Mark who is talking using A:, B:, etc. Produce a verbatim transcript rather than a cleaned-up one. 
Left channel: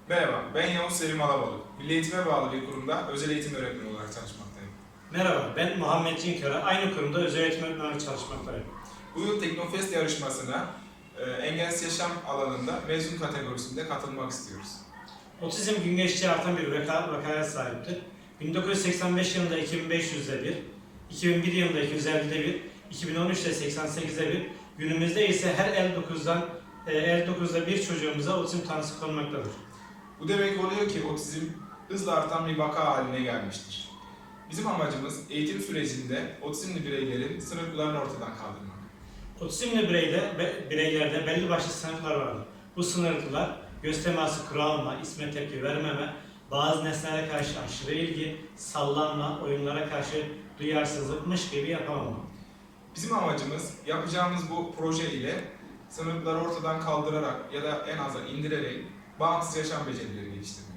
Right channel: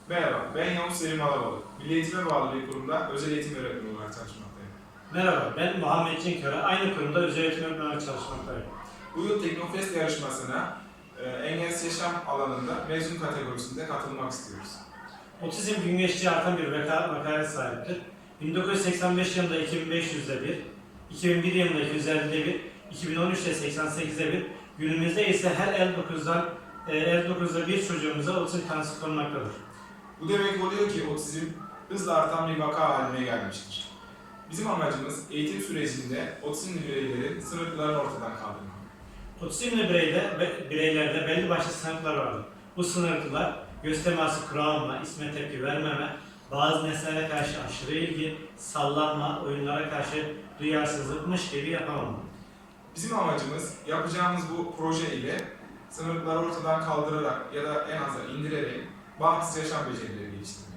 A: Merhaba, ben Yavuz Selim Alabalık. Milli Eğitim'e bağlı bir kurumda özel eğitim öğretmeni olarak çalışmaktayım.
B: Merhaba, ben Muhammed Cinköre. Aynı kurumda özel eğitim öğretmeni olarak çalışmaktayım.
A: Bu yıl Teknofest yarışmasına e, engelsiz yaşam alanında mezun kategorisinde katılmak istiyoruz.
B: Otizm gün geçtikçe artan bir vaka, vakaya sahiptir. bin dokuz yüz seksen beş yılında iki bin beş yüzde bir, iki bin bir yılında iki yüz ellide bir, iki bin on üçte seksen sekizde bir, günümüzde ise her elli dokuzdan e, elli dokuzda bir çocuğumuza otizm tanısı konmaktadır.
A: Bu demek oluyor ki otizm hızla artan bir vaka haline gelmiştir. Bizim amacımız eğitim sürecinde otizmli bireylerin sınırlarını ortadan kaldırmak.
B: Otizmli bireyde, be, bireylerde belli başlı sınırlar vardır. Bu sınırlar göz teması kuralma, isme tepki vermeme, bazı nesnelere karşı aşırı ilgi, sallanma, oyunlara karşı duyarsızlıkmış gibi yapamama.
A: Bizim amacımız yapacağımız bu proje ile sınırları ortadan kaldırarak ya da en aza indirerek bağımsız yaşam becerileri geliştirmek.